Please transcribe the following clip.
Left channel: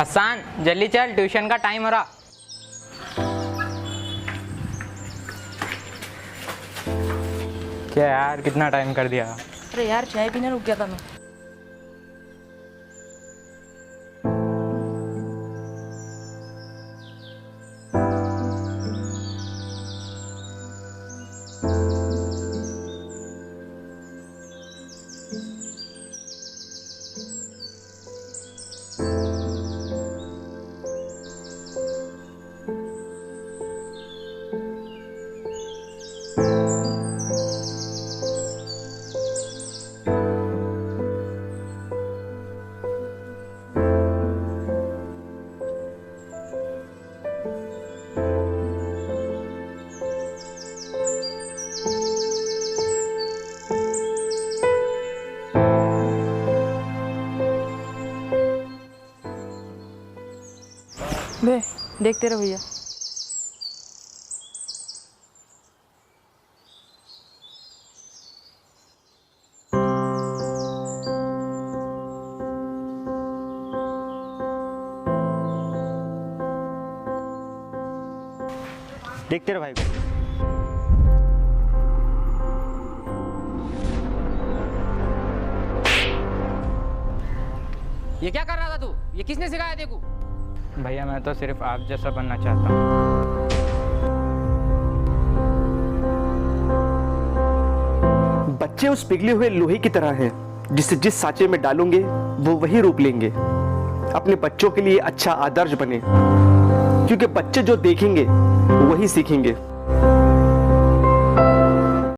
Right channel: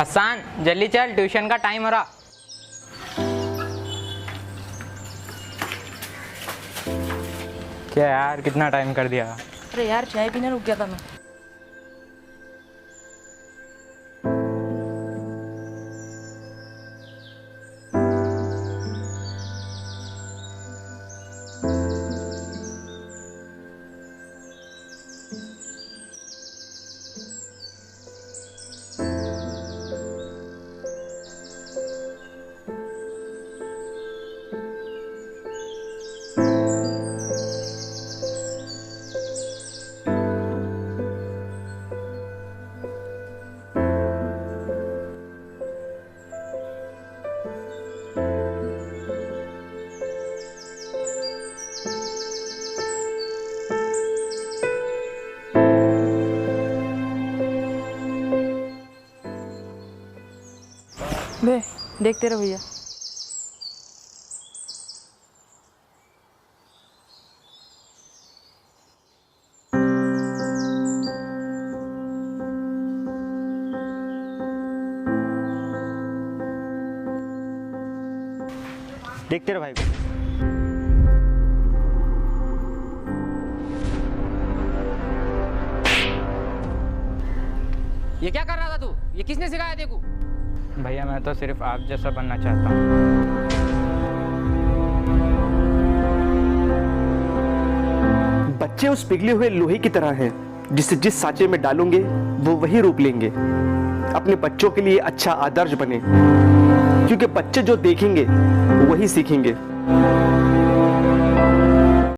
हसन जल्दी चल, ट्यूशन का टाइम हो रहा। क्या यार, कितना टाइम कर दिया। अरे यार चाय पीने रुक गया था मैं। बे देखते रहो भैया। देखते रहो भाई को। ये क्या कर रहा था तू? ये किसने सिखाया तेरे को? भैया मैं तो सिर्फ आप जैसा बनना चाहता हूँ। बच्चे उस पिघले हुए लोहे की तरह हैं, जिसे जिस सांचे में डालोगे वो वही रूप लेंगे। अपने बच्चों के लिए अच्छा आदर्श बने, क्योंकि बच्चे जो देखेंगे वही सीखेंगे।